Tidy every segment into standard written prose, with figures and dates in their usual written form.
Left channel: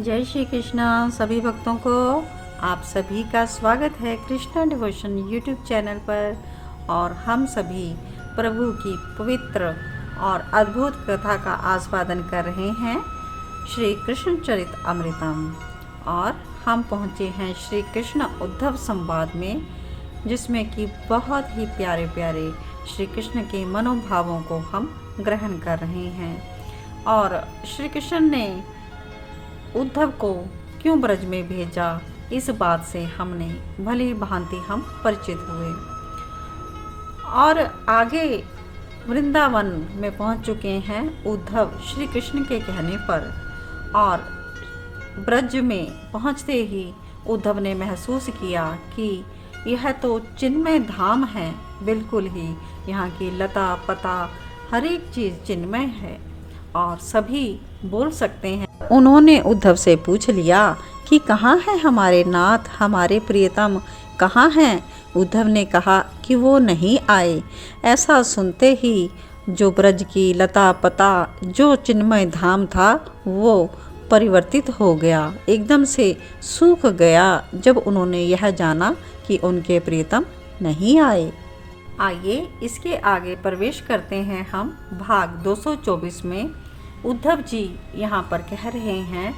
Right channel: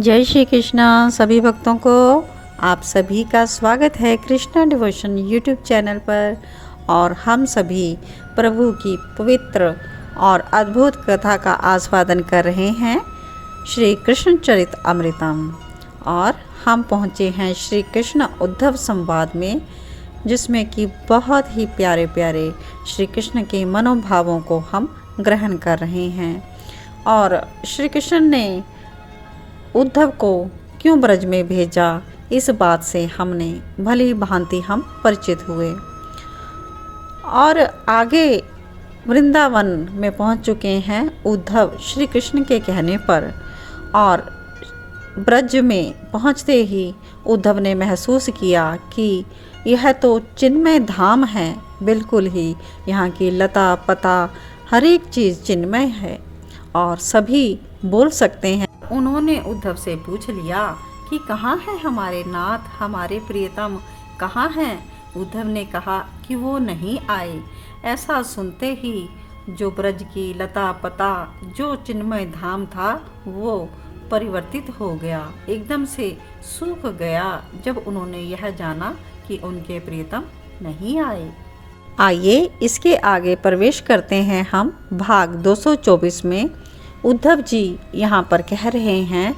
जय श्री कृष्णा सभी भक्तों को। आप सभी का स्वागत है कृष्णा डिवोशन यूट्यूब चैनल पर। और हम सभी प्रभु की पवित्र और अद्भुत कथा का आस्वादन कर रहे हैं, श्री कृष्ण चरित अमृतम। और हम पहुँचे हैं श्री कृष्ण उद्धव संवाद में, जिसमें कि बहुत ही प्यारे प्यारे श्री कृष्ण के मनोभावों को हम ग्रहण कर रहे हैं। और श्री कृष्ण ने उद्धव को क्यों ब्रज में भेजा, इस बात से हमने भली भांति हम परिचित हुए। और आगे वृंदावन में पहुंच चुके हैं उद्धव श्री कृष्ण के कहने पर। और ब्रज में पहुंचते ही उद्धव ने महसूस किया कि यह तो चिन्मय धाम है, बिल्कुल ही यहाँ की लता पता हर एक चीज़ चिन्मय है और सभी बोल सकते हैं। उन्होंने उद्धव से पूछ लिया कि कहाँ है हमारे नाथ, हमारे प्रियतम कहाँ हैं। उद्धव ने कहा कि वो नहीं आए। ऐसा सुनते ही जो ब्रज की लता पता, जो चिन्मय धाम था, वो परिवर्तित हो गया, एकदम से सूख गया जब उन्होंने यह जाना कि उनके प्रियतम नहीं आए। आइए इसके आगे प्रवेश करते हैं हम भाग 224 में। उद्धव जी यहाँ पर कह रहे हैं,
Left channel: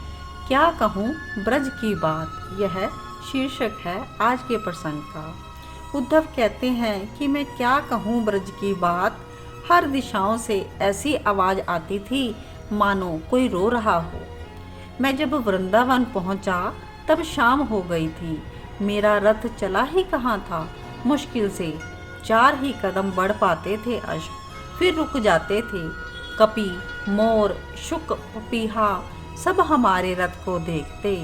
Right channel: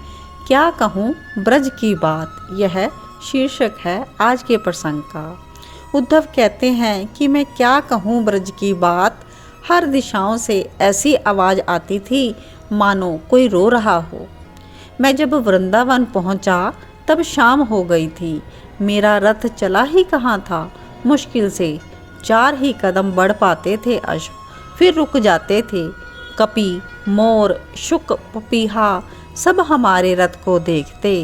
क्या कहूँ ब्रज की बात, यह शीर्षक है आज के प्रसंग का। उद्धव कहते हैं कि मैं क्या कहूँ ब्रज की बात, हर दिशाओं से ऐसी आवाज़ आती थी मानो कोई रो रहा हो। मैं जब वृंदावन पहुँचा तब शाम हो गई थी। मेरा रथ चला ही कहाँ था, मुश्किल से 4 ही कदम बढ़ पाते थे अश्व, फिर रुक जाते थे। कपि, मोर, शुक, पपीहा सब हमारे रथ को देखते।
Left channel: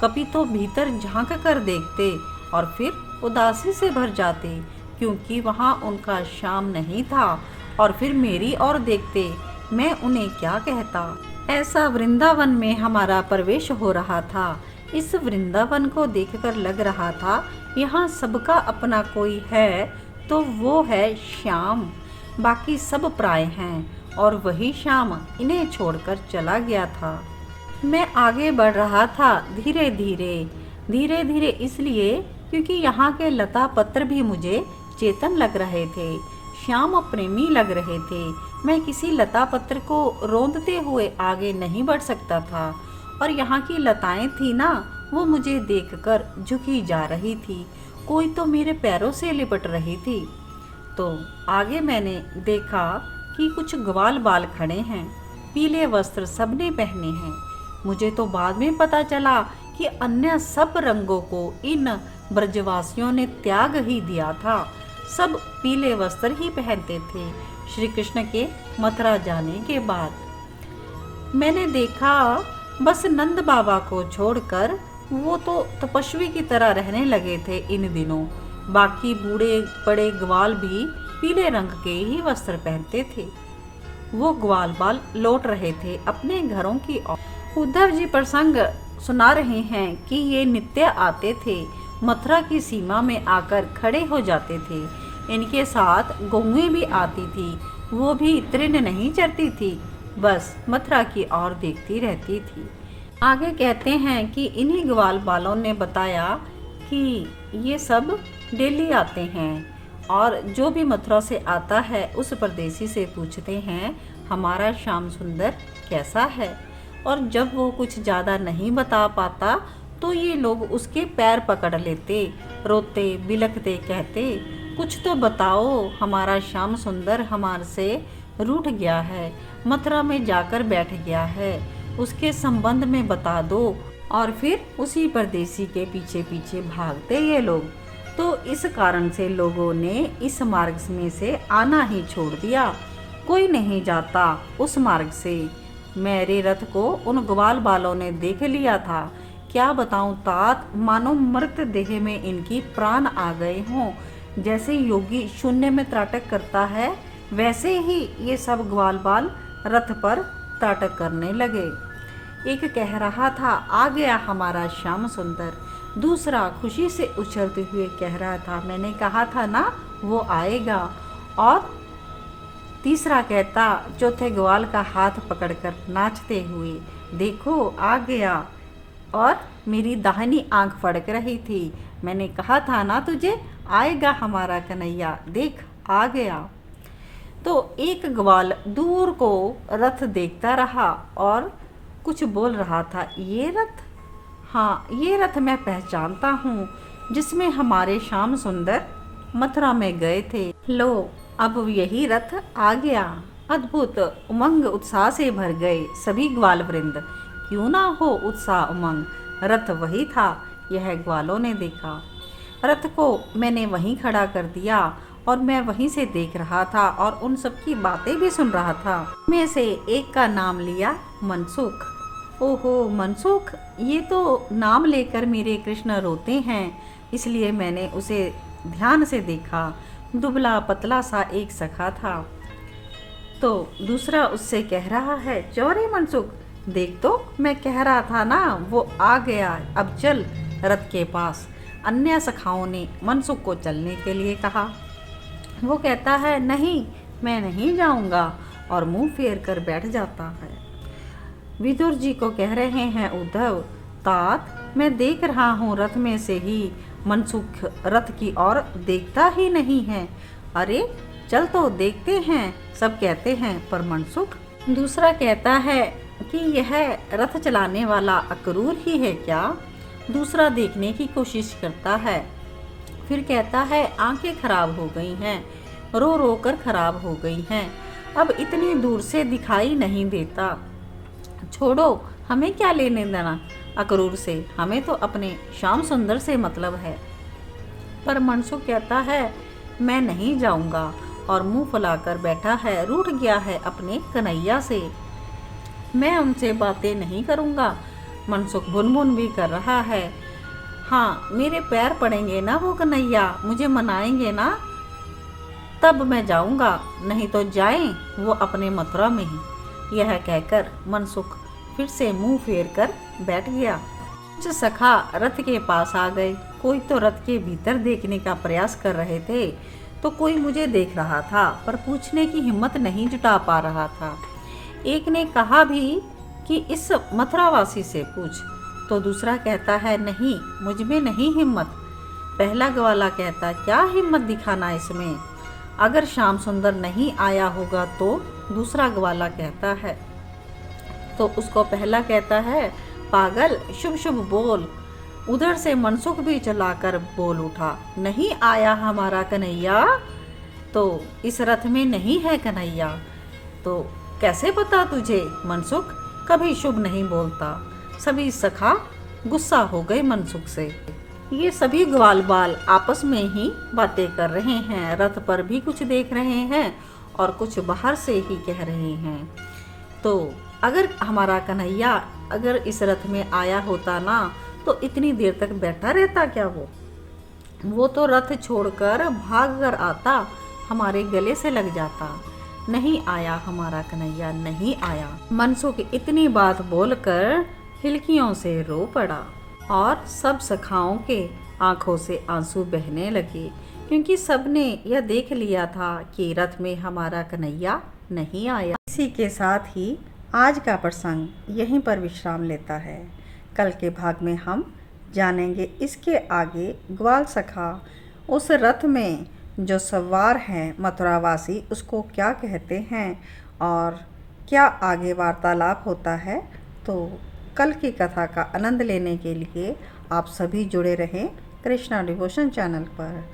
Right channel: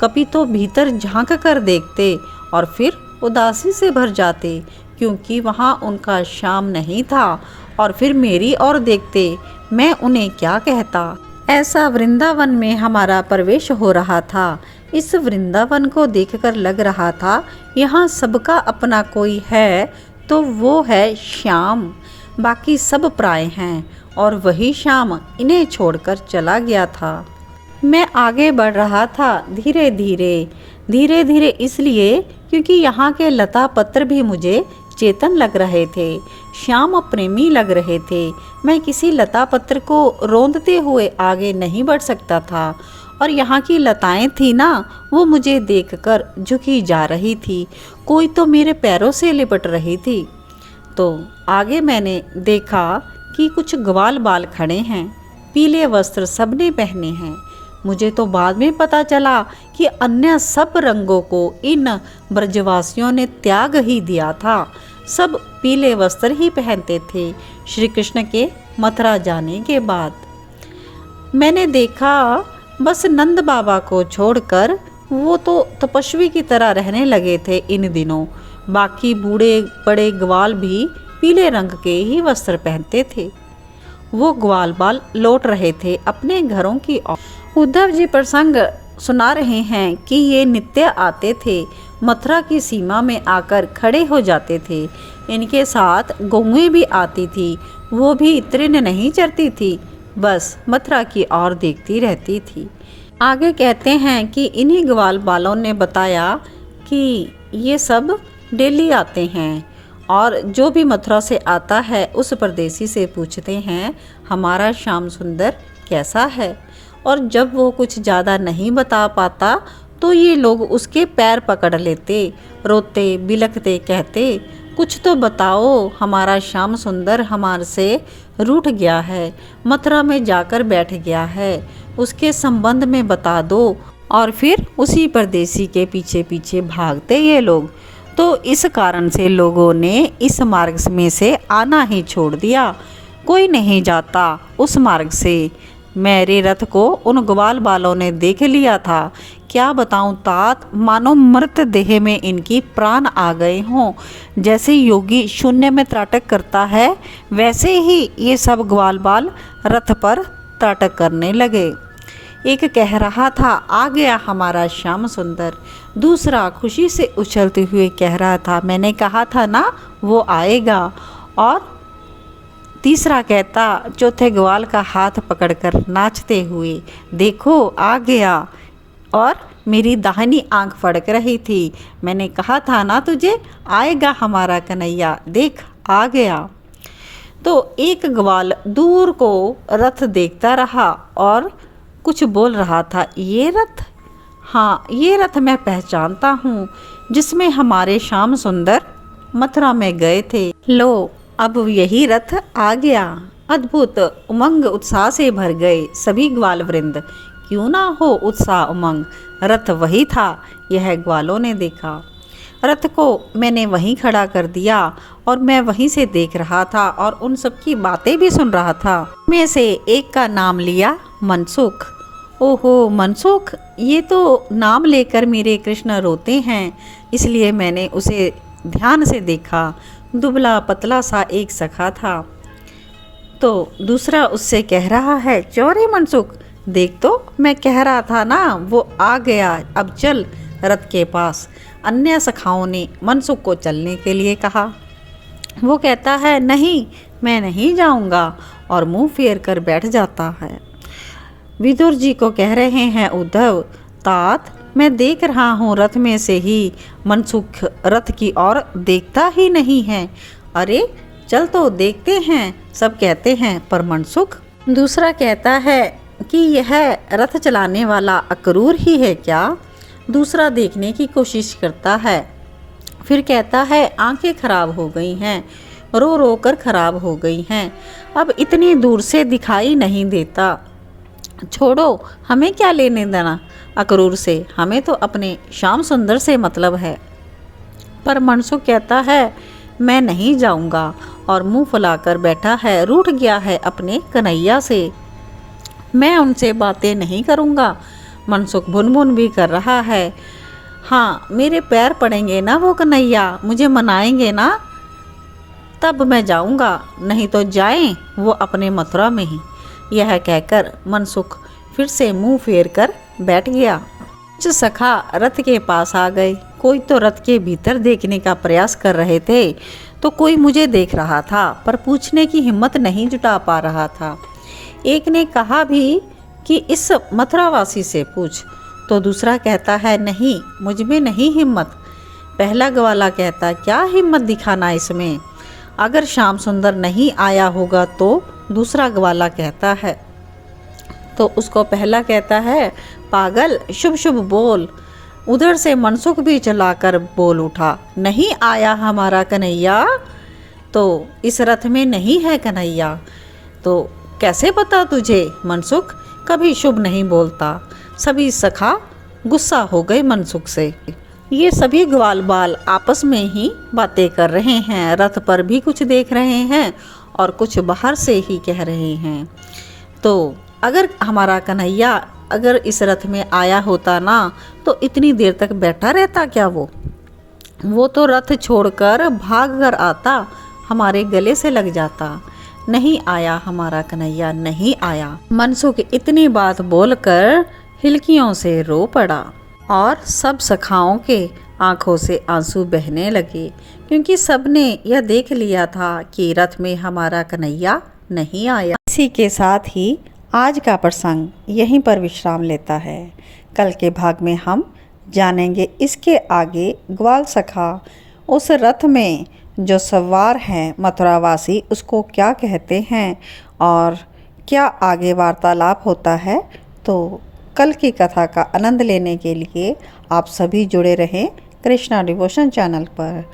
कपि तो भीतर झांक कर देखते और फिर उदासी से भर जाते, क्योंकि वहाँ उनका श्याम नहीं था। और फिर मेरी ओर देखते, मैं उन्हें क्या कहता। ऐसा वृंदावन में हमारा प्रवेश हो रहा था। इस वृंदावन को देखकर लग रहा था यहाँ सबका अपना कोई है तो वो है श्याम, बाकी सब प्राय हैं। और वही श्याम इन्हें छोड़कर चला गया था। मैं आगे बढ़ रहा था धीरे धीरे इसलिए क्योंकि यहाँ के लता पत्र भी मुझे चेतन लग रहे थे, श्याम प्रेमी लग रहे थे। मैं किसी लता पत्र को रोंदते हुए आगे नहीं बढ़ सकता था। और यहाँ की लताएं थी ना, वो मुझे देखकर झुकी जा रही थी, कोई तो मेरे पैरों से लिपट रही थी। तो आगे मैंने देखा कि कुछ ग्वाल बाल खड़े हैं, पीले वस्त्र सबने पहने हैं। मुझे तो बाद में पता चला कि अन्य सब रंगों को इन ब्रजवासियों ने त्याग ही दिया था, सब पीले वस्त्र ही पहनते थे श्री कृष्ण के मथुरा जाने के बाद। मैंने देखा बस नंद बाबा को छोड़कर वो तो तपस्वी की तरह रहने लगे थे इन दिनों। बाकी बूढ़े बड़े ग्वाल भी पीले रंग के ही वस्त्र पहनते थे। वो ग्वाल बाल लौट रहे थे अपने घरों की ओर। उद्धव जी प्रसंग सुना रहे हैं कि ये नित्य आते थे, मथुरा की सीमा में आकर खड़े हो जाते थे। इनके साथ गौएं भी आती थी, वो भी तृण नहीं चरती थी, बस मथुरा की ओर देखती रहती थी। आगे कहते हैं कि इन्हीं ग्वाल बालों ने बताया कि ये सब डेली आते हैं और जो भी मथुरा से आता है उस परदेसी से पूछते हैं हमारा श्याम सुंदर कैसा है। और जब वो कुछ ज़्यादा नहीं बता पाता तो ये लोग उसके पैर पकड़ लेते, रोते बिलखते कहते कुछ तो बताओ, हमारा श्याम सुंदर हमारे से रूठ गया है, मथुरा में जाकर बैठ गया है, उसके संबंध में बता दो। और फिर उसी परदेसी के पीछे पीछे भागते ये लोग। तो इस कारण से लोगों ने इस मार्ग में से आना ही छोड़ दिया, कोई नहीं जाता उस मार्ग से। मेरे रथ को उन ग्वाल बालों ने देख लिया था। क्या बताऊं तात, मानो मृत देह में इनकी प्राण आ गए हों। जैसे योगी शून्य में त्राटक करता है, वैसे ही ये सब ग्वाल बाल रथ पर त्राटक करने लगे। एक कह रहा था आ गया हमारा श्याम सुंदर, दूसरा खुशी से उछलते हुए कह रहा था मैंने कहा था ना वो आएगा। और तीसरा कहता चौथे ग्वाल का हाथ पकड़कर नाचते हुए देखो आ गया। और मेरी दाहिनी आंख फड़क रही थी। मैंने कहा था ना तुझे, आएगा हमारा कन्हैया, देख आ गया। तो एक ग्वाल दूर को रथ देखता रहा और कुछ बोल रहा था, ये रथ? हाँ, ये रथ मैं पहचानता हूँ, जिसमें हमारे श्याम सुंदर मथुरा में गए थे। लो, अब यही रथ आ गया। अद्भुत उमंग उत्साह से भर गए सभी ग्वाल वृंद। क्यों ना हो उत्साह उमंग, रथ वही था, यह ग्वालों ने देखा। रथ को मैंने वहीं खड़ा कर दिया और मैं वहीं से देख रहा था और उन सब की बातें भी सुन रहा था। में से एक का नाम लिया मनसुख। ओहो मनसुख, ये तो नाम लेकर मेरे कृष्ण रोते हैं, इसलिए मैंने उसे ध्यान से देखा। दुबला पतला सा एक सखा था। तो दूसरा उससे कह रहा है, चौरे मनसुख, देख तो मैं कह रहा था ना, वो आ गया, अब चल रथ के पास। अन्य सखाओं ने मनसुख को चलने के लिए कहा। वो कहता है, नहीं, मैं नहीं जाऊंगा, और मुंह फेर कर बैठ जाता है। विदुर जी को कह रहे हैं उद्धव, तात मैं देख रहा हूँ रथ में से ही मनसुख रथ की ओर देखता ही नहीं है। अरे चल तो देखते हैं, सब कहते हैं, पर मनसुख? दूसरा कहता है कि यह रथ चलाने वाला अक्रूर ही है क्या? दूसरा देखने की कोशिश करता है, फिर कहता है, आंखें खराब हो गई हैं, रो रो कर खराब हो गई हैं, अब इतनी दूर से दिखाई नहीं देता। छोड़ो, हमें क्या लेने देना अक्रूर से, हमें तो अपने श्याम सुंदर से मतलब है। पर मनसुख कहता है, मैं नहीं जाऊंगा, और मुंह फुलाकर बैठा है, रूठ गया है अपने कन्हैया से। मैं उनसे बातें नहीं करूंगा। मनसुख भुन-भुन भी कर रहा है। हाँ, मेरे पैर पड़ेंगे ना वो कन्हैया, मुझे मनाएंगे ना, तब मैं जाऊंगा, नहीं तो जाएं वो अपने मथुरा में ही। यह कहकर मनसुख फिर से मुंह फेर कर बैठ गया। कुछ सखा रथ के पास आ गए। कोई तो रथ के भीतर देखने का प्रयास कर रहे थे, तो कोई मुझे देख रहा था, पर पूछने की हिम्मत नहीं जुटा पा रहा था। एक ने कहा भी कि इस मथुरावासी से पूछ, तो दूसरा कहता है, नहीं, मुझ में नहीं हिम्मत। पहला ग्वाला कहता, क्या हिम्मत दिखाना इसमें, अगर श्याम सुंदर नहीं आया होगा तो? दूसरा ग्वाला कहता है। तो उसको पहला कहता है, पागल, शुभ शुभ बोल। उधर से मनसुख भी चलाकर बोल उठा, नहीं आया हमारा कन्हैया, तो इस रथ में नहीं है कन्हैया। तो कैसे पता तुझे? मनसुख कभी शुभ नहीं बोलता। सभी सखा गुस्सा हो गए मनसुख से। ये सभी ग्वाल बाल आपस में ही बातें कर रहे हैं, रथ पर भी कुछ देख रहे हैं और कुछ बाहर से ही कह रहे हैं। तो अगर हमारा कन्हैया अगर इस रथ में आया होता ना, तो इतनी देर तक बैठा रहता क्या? वो तो रथ छोड़कर भाग कर आता, हमारे गले से लग जाता। नहीं आया हमारा कन्हैया, नहीं आया। मनसुख इतनी बात बोलकर हिलकियों से रो पड़ा और सब सखाओं के आंखों से आंसू बहने लगे, क्योंकि सबने यह देख लिया था कि रथ में हमारा कन्हैया नहीं आया। इसी के साथ ही आज का प्रसंग यहीं पर विश्राम लेता है। कल के भाग में हम जानेंगे इसके आगे ग्वाल सखा उस रथ में जो सवार हैं मथुरावासी, उसको क्या कहते हैं और क्या आगे वार्तालाप होता है। तो कल की कथा का आनंद लेने के लिए आप सभी जुड़े रहें कृष्णा डिवोशन चैनल पर,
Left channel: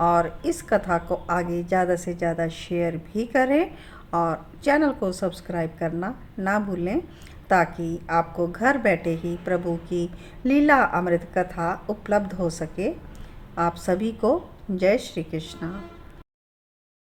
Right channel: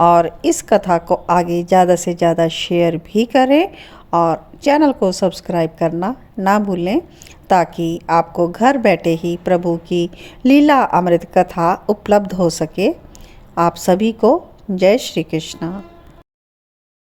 और इस कथा को आगे ज़्यादा से ज़्यादा शेयर भी करें और चैनल को सब्सक्राइब करना ना भूलें, ताकि आपको घर बैठे ही प्रभु की लीला अमृत कथा उपलब्ध हो सके। आप सभी को जय श्री कृष्णा।